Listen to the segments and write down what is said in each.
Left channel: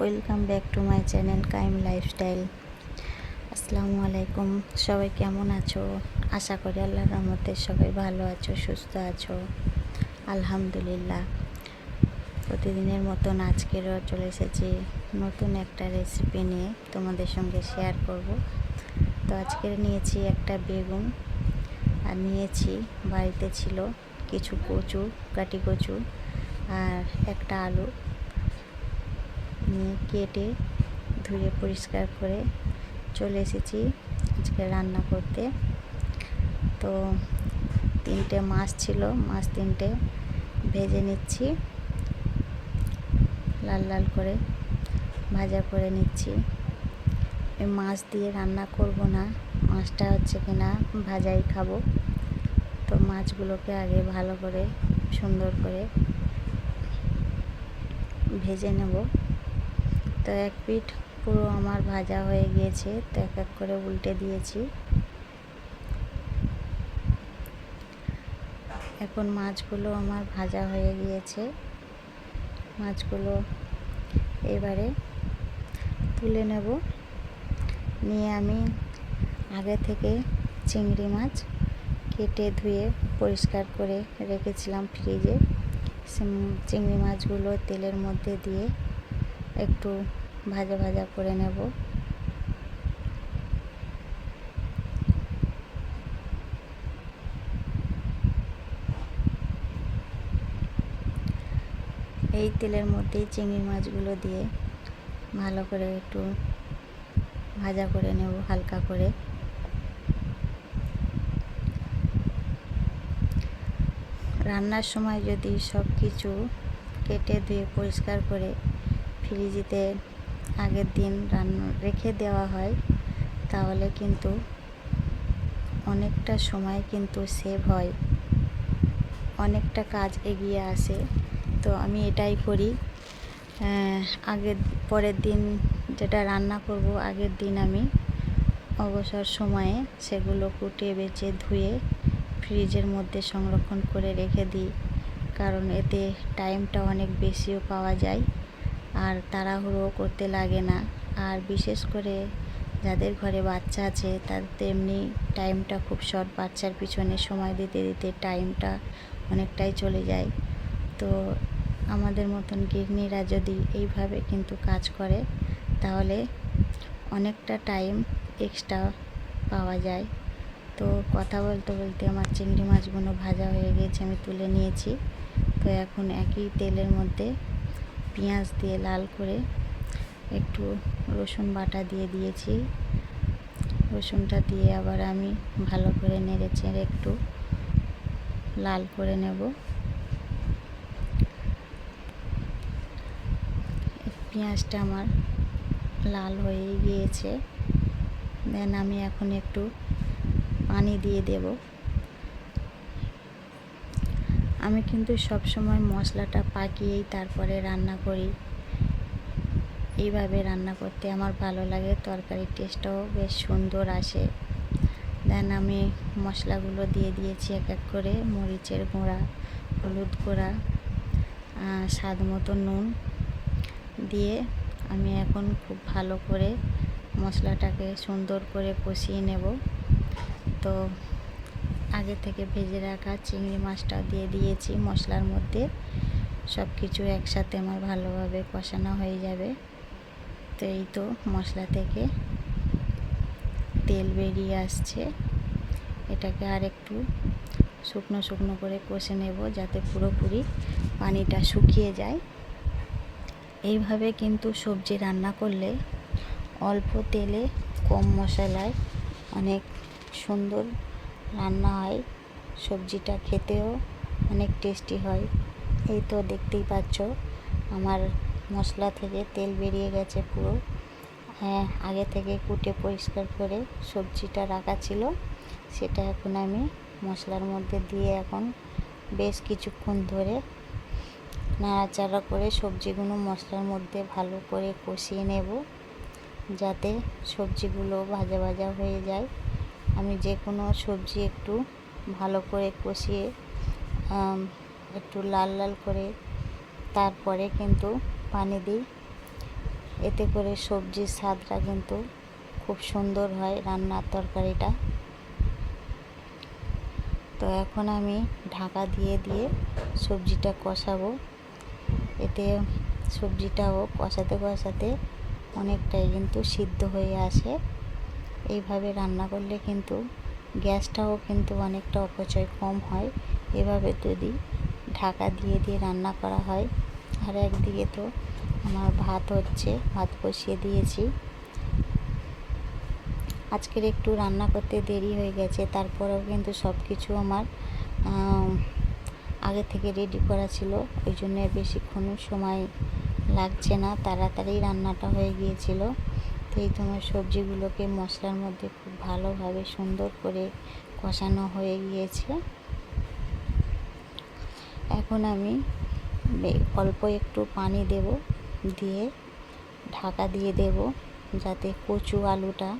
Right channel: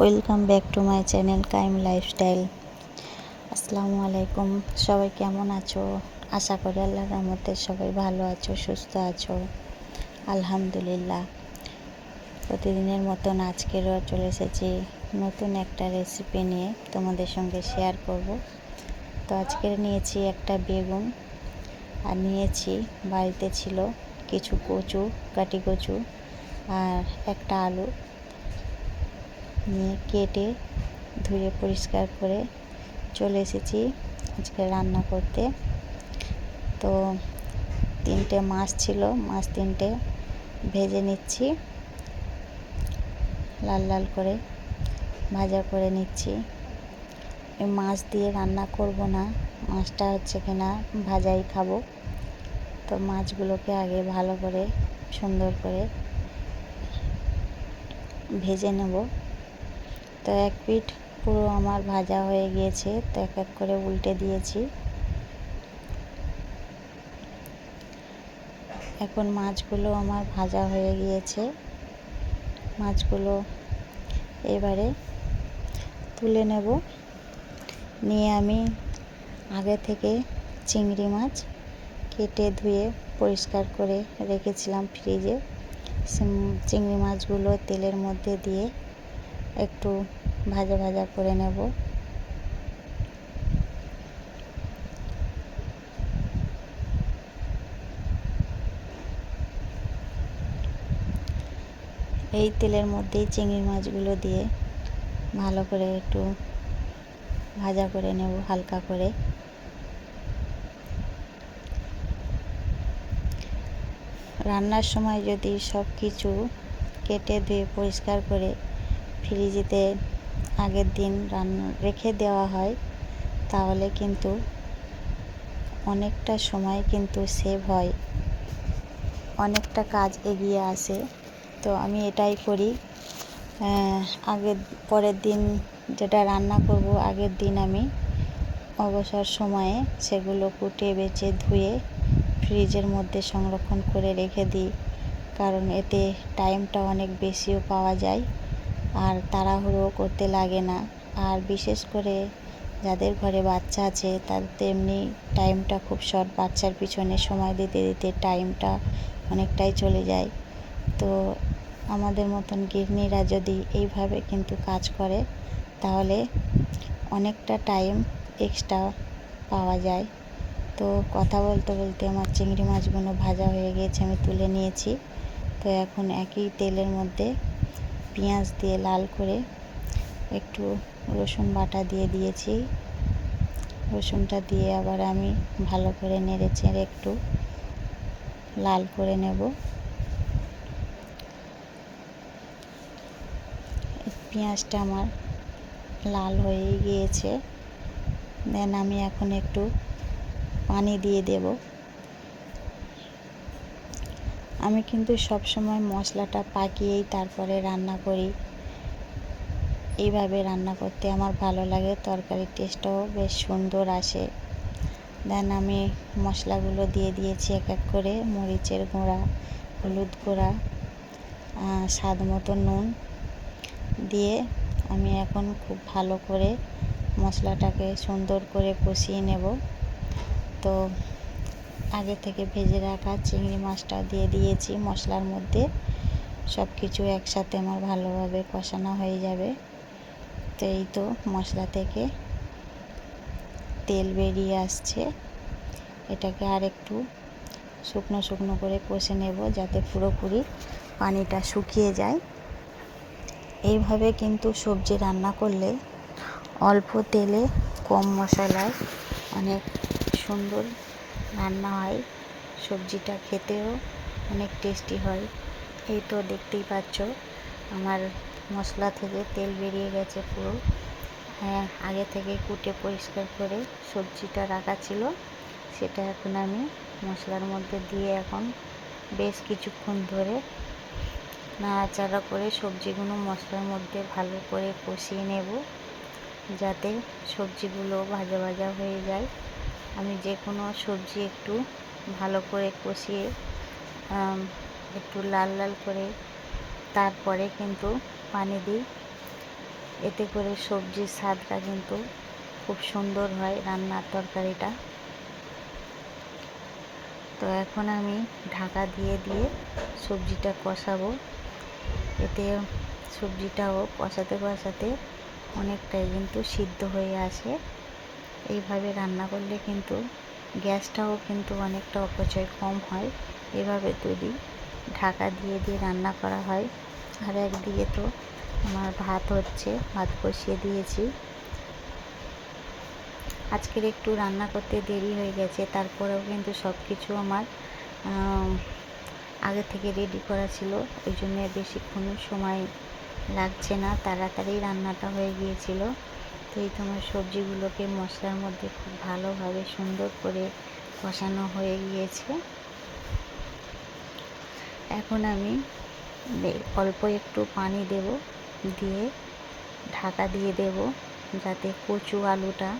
Welcome back to my channel Qayyim lifestyle. আসসালামু আলাইকুম। সবাই কেমন আছো? আশা করি আল্লাহর রহমতে সবাই ভালো আছো, সুস্থ আছো। আলহামদুলিল্লাহ। প্রতিদিনের মতন আজকেরও চলে এসেছি নতুন একটা রেসিপি নিয়ে তোমাদের সঙ্গে শেয়ার করব। তো আজকে নিয়েছি একটা বেগুন, আর নিয়েছি বাড়িতে ছিল কিছু কচু, কাটি কচু, আর একটা আলু নিয়ে কেটে ধুয়ে পরিষ্কার করে চলে এসেছি আজকে রান্না করতে। তো 3টে মাছ ছিল, মাছ 3টে ভেজে নিচ্ছি, লাল লাল করে ভাজা করে নিচ্ছি। এই মাছ দিয়ে রান্না করব না, মাছটা হচ্ছে কিনা ভাজাই খাবো। তো মাছগুলোকে আগে ভালো করে সুন্দর করে ভেজে নেব। তো এক পিঠ পুরো আমার ভাজা হয়ে গিয়েছে, তো এক এক করে উল্টে দিয়েছি। এখন মাছগুলো আমার ভাজা হয়ে গিয়েছে, মাছগুলো এবারে তুলে নেব। নিয়ে আমি আগে থেকে চিংড়ি মাছ কেটে ধুয়ে পরিষ্কার করে রেখেছিলাম ফ্রিজে। চিংড়ি মাছগুলো তেলের মধ্যে দিয়ে একটু ভাজা ভাজা করে নেব। এই তেলের মধ্যেই চিংড়ি মাছগুলো দিয়ে ভালো করে একটু ভাজা করে নেব হালকা করে। রান্নার সময় যদি সব কিছু কেটে ধুয়ে পরিষ্কার করে ফ্রিজেতে আগের দিন রেখে দেওয়া হয়, তাহলে কিন্তু অনেকটা সময় কিন্তু সেভ হয়, অনেকটা কাজ এগিয়ে আসে। তো আমি এটাই করি। পরের দিন যেটা রান্না করব, আগের দিন আমি অবসর সময়ে সেগুলো কুটে বেছে ধুয়ে ফ্রিজের মধ্যে সংরক্ষণ করে রেখে দিই, কারণ এতে টাইমটা অনেক বেশিও পাওয়া যায় আর তাড়াহুড়ো করতে লাগে না। আর বিশেষ করে যাদের ঘরে বাচ্চা আছে তাদের তো এমনি টাইমটা খুব শর্ট, বাচ্চার পিছনে সময় দিতে দিতে টাইমটা অনেকটাই চলে যায়। তো আমাদের মতন গৃহিণীরা যদি এইভাবে কিন্তু কাজ করে, তাহলে অনেকটা টাইম এক্সট্রা পাওয়া যায়। তো কথা বলতে বলতে আমার চিংড়ি মাছগুলো ভাজা হয়ে গিয়েছে, আমি তুলে নিয়েছি। তো এখন একই তেলের মধ্যে পেঁয়াজ দিয়ে লাল করে একটু রসুন বাটা দিয়ে দিয়েছি। রসুনটা দিয়ে আবার আমি ভালো করে নেড়ে চেড়ে একটু লাল করে নেব। পেঁয়াজটা আমার লাল হয়ে গিয়েছে। দেন আমি এখন একটু পানি দিয়ে দেব। আমি কিন্তু সব সময় মশলাটা পাকিয়েই তারপরে রান্না করি। এইভাবে রান্না করতে আমার ভালো লাগে, তরকারির টেস্টটাও বেশ সুন্দর আসে। দেন আমি মশলাগুলো দিয়ে দিয়েছি এক এক করে। মরিচের গুঁড়া, হলুদ গুঁড়া, স্বাদ মতো নুন দিয়ে আমি এখন খুব ভালো করে মশলাটাকে সুন্দর করে কষিয়ে নেব। তো আগে থেকে ভেজে রাখা চিংড়ি মাছটাও দিয়ে দিয়েছি মশলার মধ্যে। সব কিছু একসাথে আমার ভালোভাবে কষানো হয়ে যাবে। তো এই তো মশলা থেকে তেল বেরিয়ে আসছে। এটাকে আর একটু শুকনো শুকনো করে কষে নেব, যাতে পুরোপুরি পানিটা শুকিয়ে যায়। এইভাবে কিন্তু সবজি রান্না করলে অল্প তেলে কম মশলায় অনেক সুন্দর রান্না হয়, সবজিটা খেতেও অনেক টেস্টি হয়। এই তো দেখতেই পাচ্ছ আমার মশলা থেকে তেল বেরিয়ে গেছে পুরো। আগে থেকে কুটে পরিষ্কার করে সবজিটা রাখা ছিল, সেটা এখন আমি মশলার মধ্যে দিয়ে এখন বেশ কিছুক্ষণ ধরে নাড়াচাড়া করে সবজিগুলো মশলার মধ্যে ভালো করে কষিয়ে নেব, যাতে সবজিগুলো ভাজা ভাজা হয়ে যায়। আমি যে কোনো সবজি একটু ভালো করে কষিয়ে একটু লাল লাল করে তারপরে কিন্তু পানি দিই। এতে করে সবজির স্বাদটা কিন্তু খুব সুন্দর হয় রান্নার তরকারিটা। তো এখন আমি ঢাকা দিয়ে সবজিটা কষাবো। এতে সবজিটাও কষাতে অনেকটাই কিন্তু সিদ্ধ হয়ে আসে। এইভাবে রান্না করলে কিন্তু গ্যাসটাও কিন্তু অনেকটা অপচয় কম হয়, এভাবে যদি ঢাকা দিয়ে রান্না করা হয়। আর একদিকে তো আমার ভাত হচ্ছে, ভাত বসিয়ে দিয়েছি। আজকের একটু রান্না করতে দেরি হয়ে গেছে, তারপরেও কিন্তু সব কিছু আমার আগে থেকে রেডি করা ছিল, ওই জন্য বেশিক্ষণ সময় লাগছে না, তাড়াতাড়ি রান্নাটা হয়ে গিয়েছিল। তো এই তোমার সবজিগুলোকে মশলার মধ্যে খুব ভালোভাবে সুন্দর করে কষানো হয়ে গিয়েছে। এখন আমি অল্প একটু পানি দেব, দিয়ে ঢাকা দিয়ে দেব যাতে কচু আলুটা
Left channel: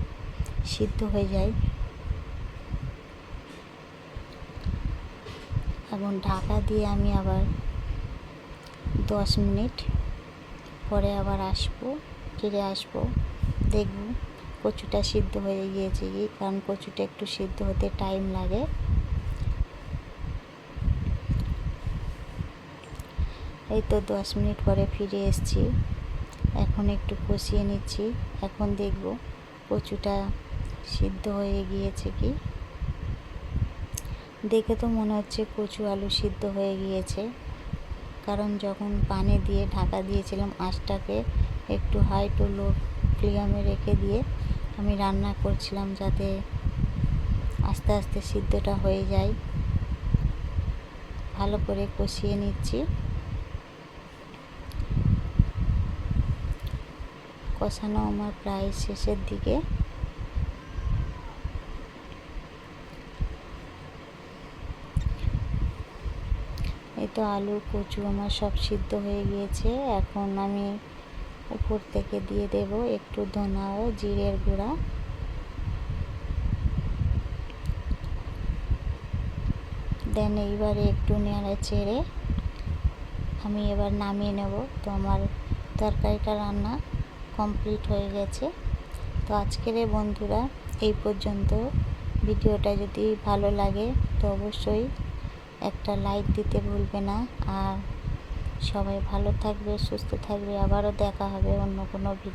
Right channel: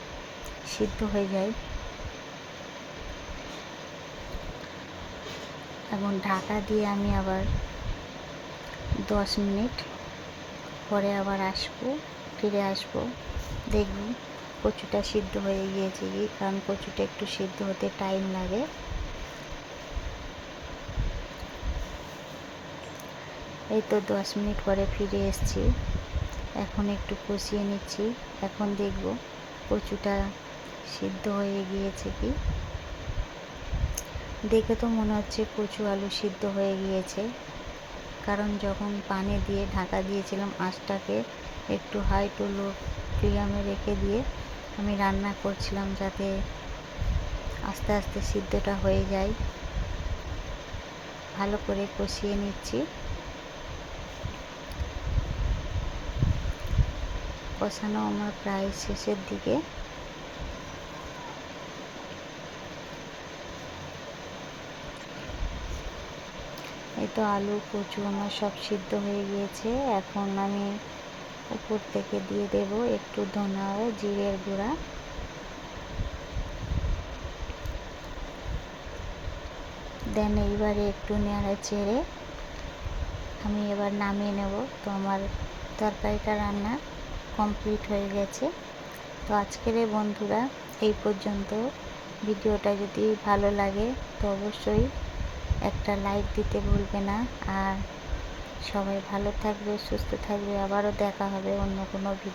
সিদ্ধ হয়ে যায়। এবং ঢাকা দিয়ে আমি আবার 10 মিনিট পরে আবার ফিরে আসবো, দেখব কচুটা সিদ্ধ হয়ে গিয়েছে কি, কারণ কচুটা একটু সিদ্ধ হতে টাইম লাগে। এই তো 10 মিনিট পরে ফিরে এসেছি। এখন একটু কষিয়ে নিচ্ছি। এখন দেখব কচুটা সিদ্ধ হয়ে গিয়েছে কি। দেখে তো মনে হচ্ছে কচু আলু সিদ্ধ হয়ে গিয়েছে, কারণ যখন পানি দিয়ে ঢাকা দিয়েছিলাম, আঁচটাকে একটু হাই টু লো ফ্লেমে রেখে দিয়ে আমি রান্না করছিলাম, যাতে আস্তে আস্তে সিদ্ধটা হয়ে যায়। ভালো করে কষিয়ে নিচ্ছি। কষানো আমার প্রায় শেষের দিকে। এই তো আলু কচু আমার সব সিদ্ধ হয়ে গিয়েছে। এখন আমি উপর থেকে দিয়ে দেব একটু ধনা ও জিরের গুঁড়া। দেন এইবারে একটু নেড়ে চেড়ে আমি এবার নামিয়ে নেব। তো আমার তরকারিটা রান্না কমপ্লিট হয়ে গেছে। তো আজকের বন্ধুরা এই পর্যন্ত। ভিডিওটা যদি ভালো লাগে তো অবশ্যই একটা লাইক দিতে ভুলবে না। আর সবাই ভালো থাকবে, সুস্থ থাকবে। আবারও দেখা হবে অন্য কোনো ভিডিও।